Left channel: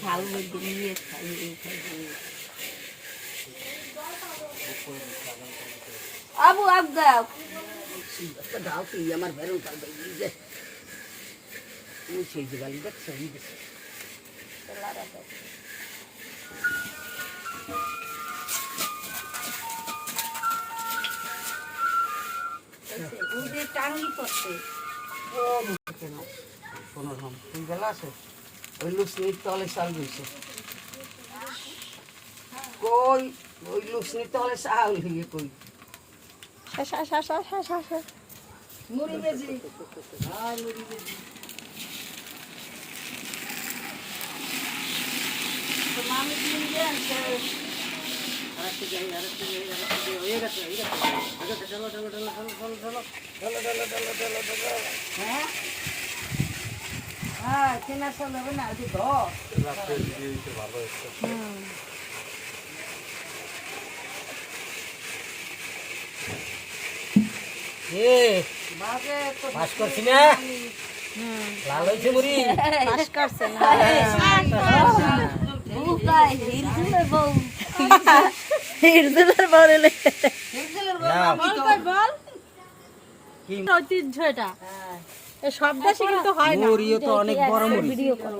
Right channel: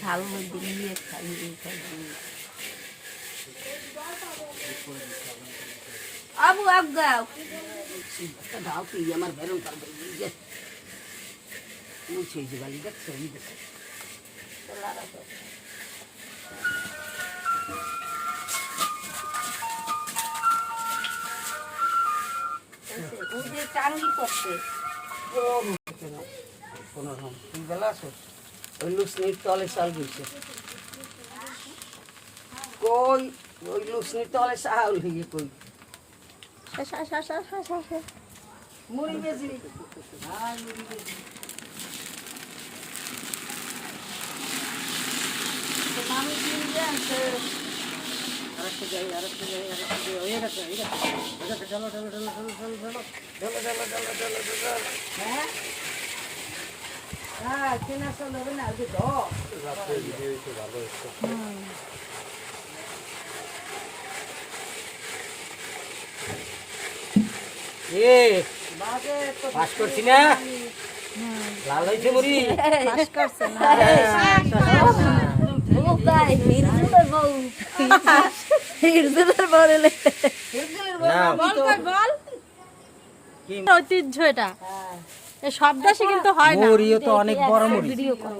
ঝাল দিয়ে খাইয়ে খাইয়ে अब अब गाओ गाओ कि हमारे भैरव पर गई है वो सोच वाली तक सही दे चला रहा तो उनके टांगी पड़ते কোনো রকম তুই গেলা আছো ওই লুসনির তলে চাল গইছে কই ওই লুসনির তলে চাল হইয়ে কই মুড়ি গেছি মামি কিনে দিয়ে আনছে আরেকটা যাই আরেকটা যাই আরেকটা যাই হয়ে গেছে হয়ে গেছে হয়ে গেছে চলো চলো চলো চলো চলো চলো চলো চলো চলো চলো চলো হ্যাঁ হ্যাঁ কেনা চলবে না যে দশ এ পাস করছি না লাল হয়েছে মুড়ি পাস করছেন হিরজুলের বলে কি? ঐতিহ্য এটা। এই সব দেশে কিন্তু হয় না। মুড়িও তো অনেক বড় মুড়ি ভিডিও কল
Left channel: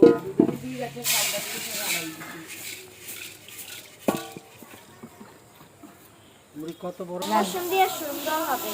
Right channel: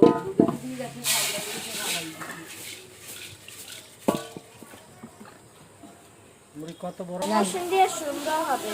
মুড়ি কত বড়? মৌসুম দিয়ে সুন্দর হবে।